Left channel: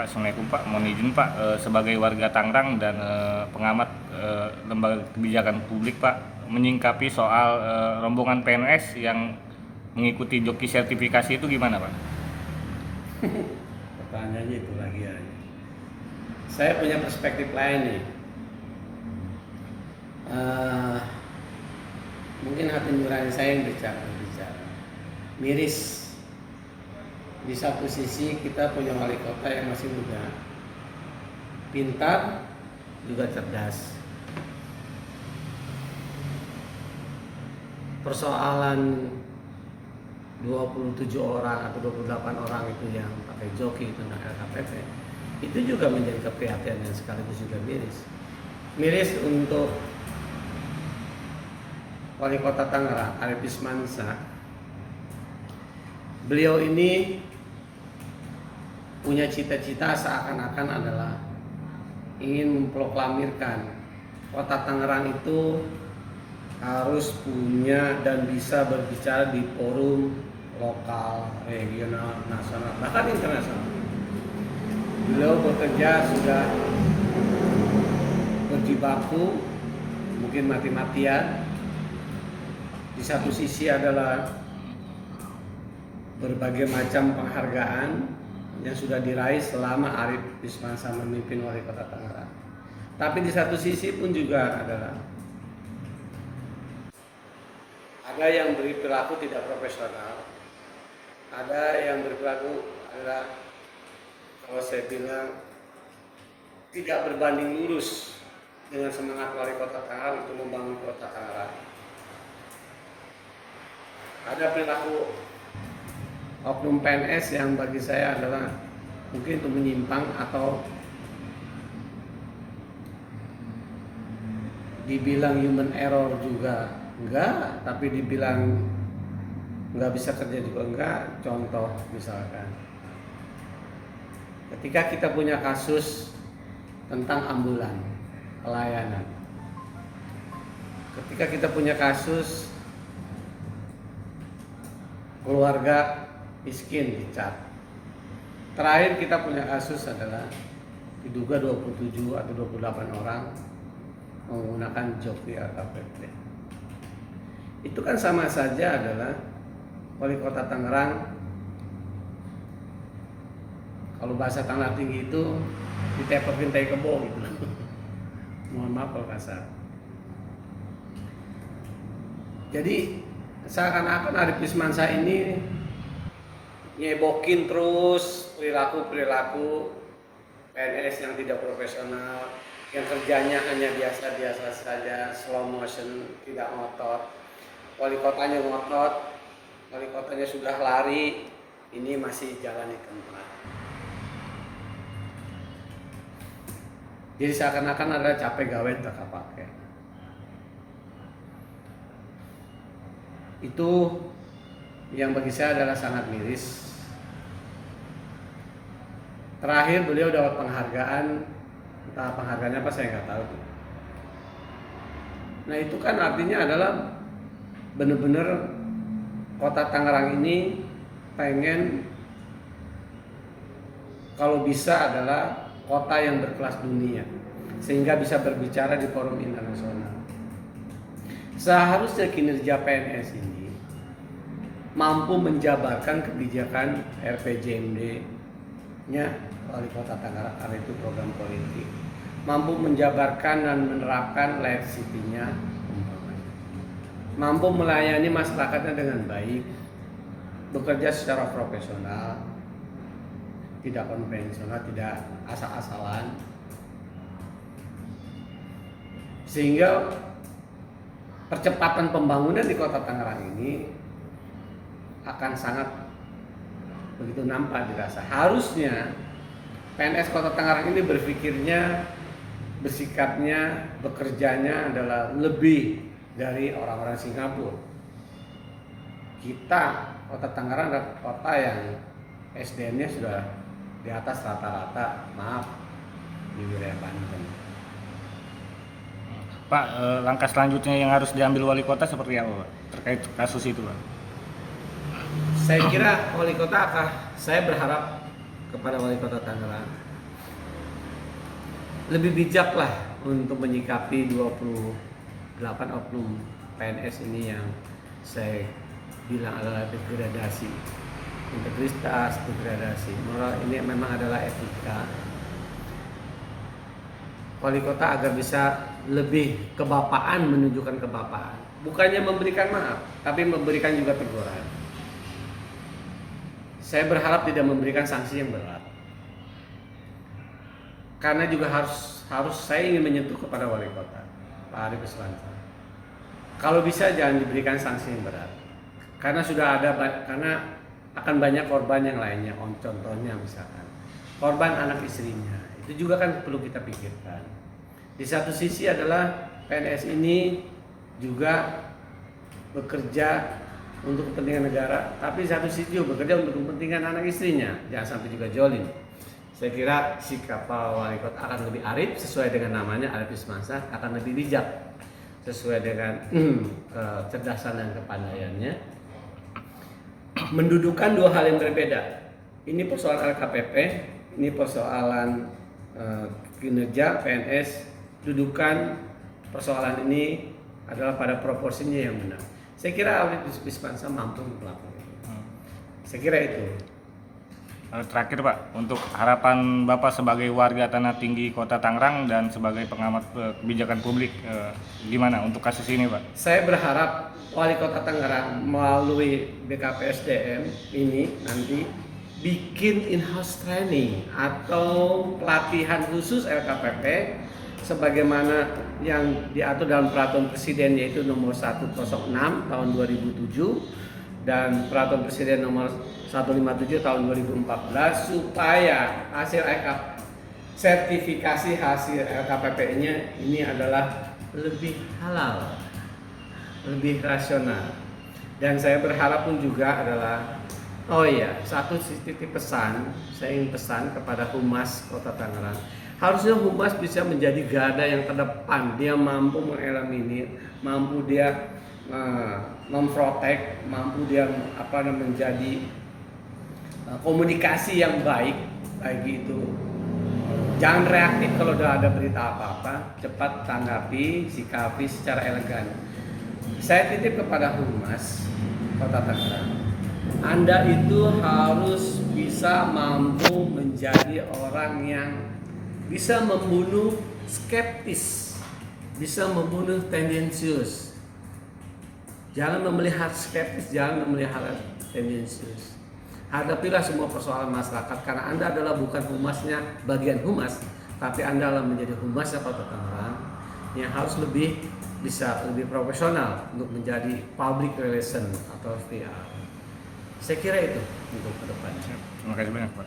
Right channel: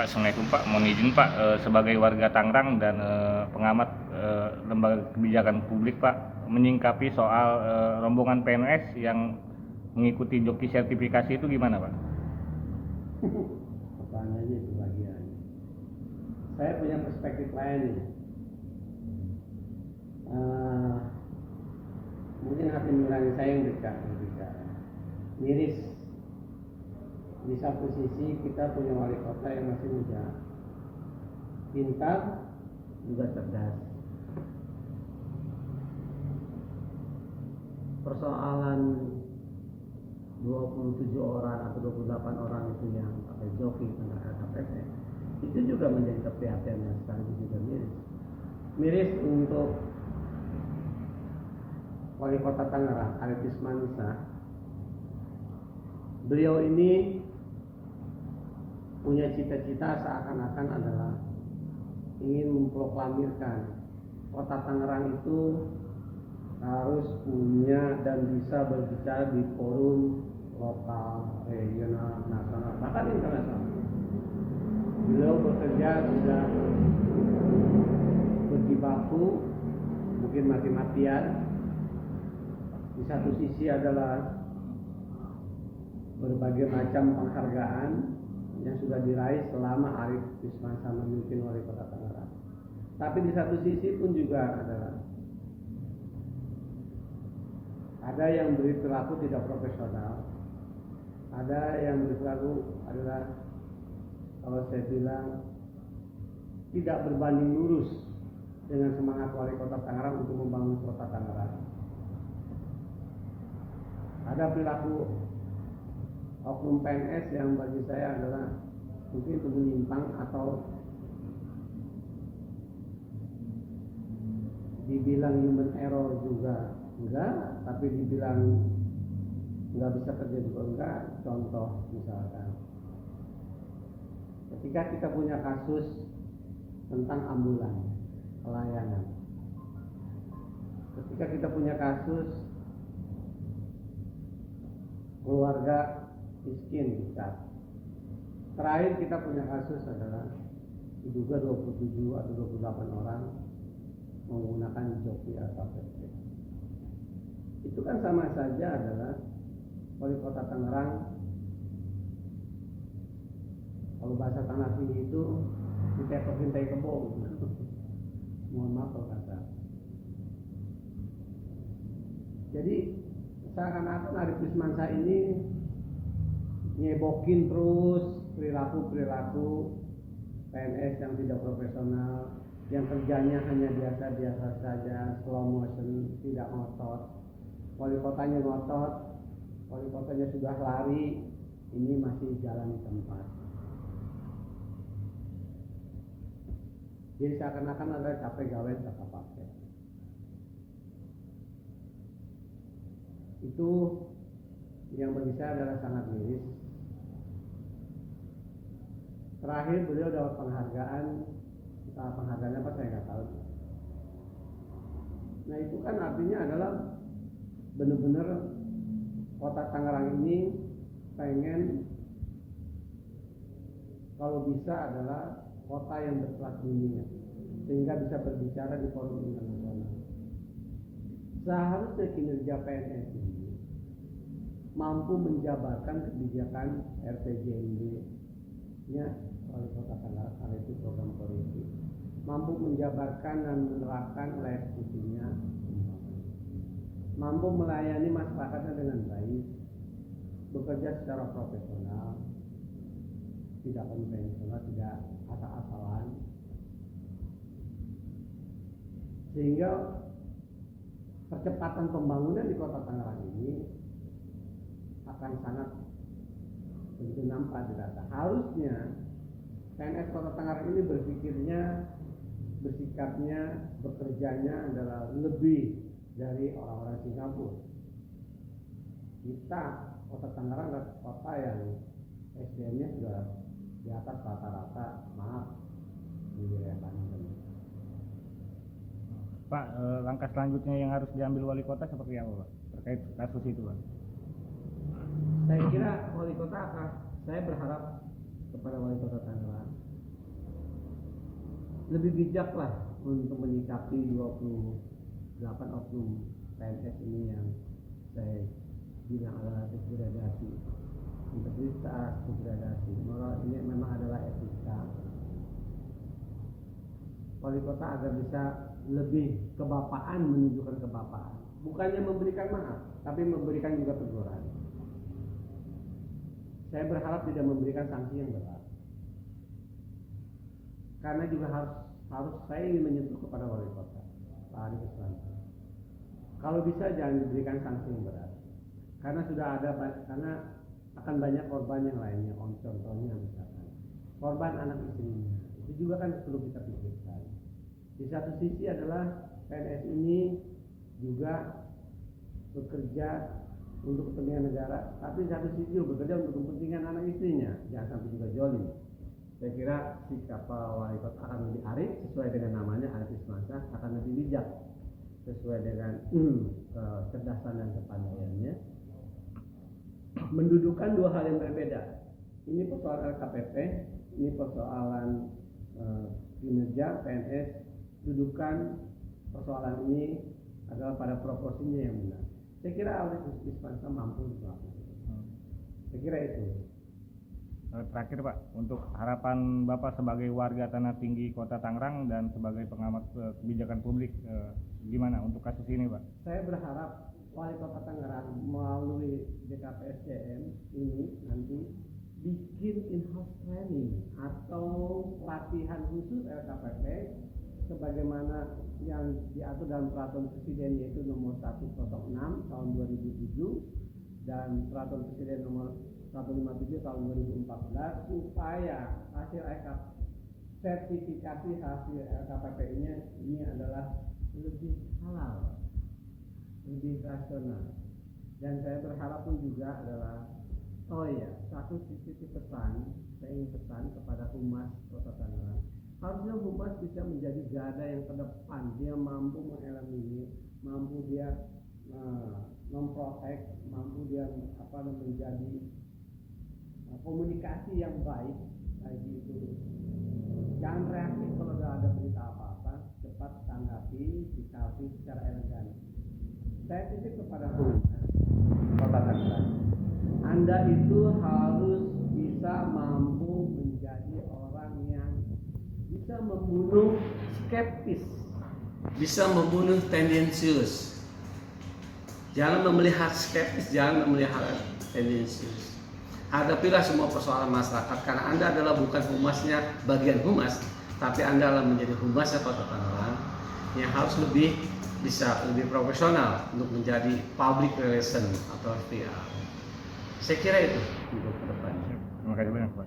Pak, Assalamualaikum Pak. Mohon izin Pak, sebagai warga Tangerang dan pengamat lembaga kebijakan publik Pak, menyingkapi soal rombongan PNS yang mengikuti joki sertifikasi itu gimana Pak? Pertanyaannya itu lagi ya. Saya punya perspektif lain nih. Mungkin hati nurani saya yang berbicara. Miris. Di satu sisi kita punya wali kota yang masih muda, pintar, juga cerdas. Persoalan 27 orang atau 28 orang itu yang pakai joki tentang LKPP itu juga menjadi keprihatinan yang sekaligus juga miris. Miris untuk wali kota Tangerang, Arief Wismansyah. Beliau ini punya cita-cita seakan-akan adalah ingin memproklamirkan kota Tangerang itu harus punya dan bisa berbicara di forum lokal, regional, nasional, bahkan internasional. Beliau bekerja sudah berjibaku, mungkin mati-matian. Di satu sisi adalah berbagai macam penghargaan yang sudah diraih selama Arief Wismansyah memimpin wali kota Tangerang. Tapi di satu sisi pun juga adalah ada yang berperilaku tidak profesional, ada yang berperilaku adalah kalau saya bilang tidak berbanding lurus dengan semangat wali kota Tangerang untuk membangun kota Tangerang. Ada perilaku oknum PNS yang bagi saya adalah mungkin itu menyimpang atau dibilang human error juga enggak, tapi dibilang enggak bisa kerja juga enggak. Contoh misalkan ketika kita punya kasus tentang ambulan pelayanan, ketika kita punya kasus keluarga miskin dicat. Terakhir kita punya kasus adalah diduga 27 atau 28 orang menggunakan joki LKPP. Itu kan sama saja adalah wali kota Tangerang, kalau bahasa Tangerang tinggi itu ditepokin tai kebo gitu. Mohon maaf kalau kasar. Jadi seakan-akan Arief Wismansyah ini nyebokin terus perilaku PNS yang tidak profesional, yang kerjanya hanya biasa-biasa saja, slow motion, tidak ngotot. Wali kotanya ngotot, wali kotanya sudah lari, ini masih jalan di tempat. Jadi seakan-akan ada capek gawe tak pakai. Itu yang bagi saya adalah sangat miris. Terakhir beliau dapat penghargaan, entah penghargaannya apa saya nggak tahu. Nah itu kan artinya adalah benar-benar kota Tangerang ini pengen kalau bisa adalah kota yang berkelas dunia, sehingga bisa berbicara di forum internasional. Seharusnya kinerja PNS ini mampu menjabarkan kebijakan RPJMD-nya wali kota Tangerang, itu program politik, mampu menjabarkan dan menerapkan life city-nya, mampu melayani masyarakatnya dengan baik, bekerja secara profesional, tidak konvensional, tidak asal-asalan, sehingga percepatan pembangunan di kota Tangerang ini akan sangat begitu nampak dirasa. Harusnya PNS kota Tangerang ini berpikirnya, bersikapnya, bekerjanya adalah lebih dari orang-orang Singapura. Kita kota Tangerang adalah kota yang SDM-nya sudah di atas rata-rata, maaf, di wilayah Banten. Pak, langkah selanjutnya yang harus diambil wali kota seperti apa Pak, terkait kasus itu Pak? Saya kira wali kota saya berharap kepada wali kota Tangerang lebih bijak lah untuk menyikapi 28 oknum PNS ini yang saya bilang adalah degradasi, integritas, degradasi moral. Ini memang adalah etika wali kota agar bisa lebih kebapaan, menunjukkan kebapaan, bukannya memberikan maaf tapi memberikan juga teguran. Saya berharap tidak memberikan sanksi yang berat, karena juga harus saya ingin menyentuh kepada wali kota Pak Arief Iswansyah. Kalau bisa jangan diberikan sanksi yang berat, karena karena akan banyak korban yang lainnya. Contohnya misalkan korban anak istrinya, itu juga kan perlu kita pikirkan. Di satu sisi adalah PNS ini juga bekerja untuk kepentingan negara, tapi di satu sisi juga bekerja untuk kepentingan anak istrinya, jangan sampai juga jolim. Saya kira sikap Pak Wali Kota akan lebih arif, sesuai dengan namanya Arief Iswansyah, akan lebih bijak sesuai dengan kecerdasan dan kepandaiannya. Mendudukan dua hal yang berbeda. Ini persoalan LKPP, ini persoalan kinerja PNS. Dudukan persoalan ini adalah pada proporsinya yang benar. Saya kira Arief Iswansyah mampu melakukan itu. Saya kira itu. Terakhir Pak, untuk harapan Bapak sebagai warga Tanah Tinggi Kota Tangerang dan sebagai pengamat kebijakan publik, gimana untuk kasus ini Pak? Saya berharap Wali Kota Tangerang melalui BKPSDM ini nanti bikin in-house training atau pelatihan khusus LKPP sebagaimana yang diatur dalam Peraturan Presiden, yaitu nomor 106 tahun 2007 dan Peraturan Presiden nomor 157 tahun 2014, supaya hasil sertifikasi hasil LKPP-nya ini adalah lebih halal, lebih rasional. Dan saya berharap pun juga adalah, satu titip pesan, saya ingin pesan kepada Humas Kota Tangerang. Harusnya Humas bisa menjadi garda yang terdepan. Dia mampu mengeliminir, mampu dia memprotek, mampu dia menjadi komunikasi yang baik itu. Jangan reaktif kalau udah ada berita apa-apa, cepat tanggapi, sikapi secara elegan. Saya titip kepada Humas Kota Tangerang, Anda itu harus bisa mampu menjadi orang yang bisa membunuh skeptis, bisa membunuh tendensius. Jangan memelihara skeptis, jangan memelihara tendensius. Hadapilah semua persoalan masyarakat, karena Anda adalah bukan humasnya, bagian humas, tapi Anda adalah menjadi humasnya Kota Tangerang yang harus lebih profesional untuk menjadi public relation atau PR. Saya kira itu untuk ke depannya. Terima kasih banyak Pak.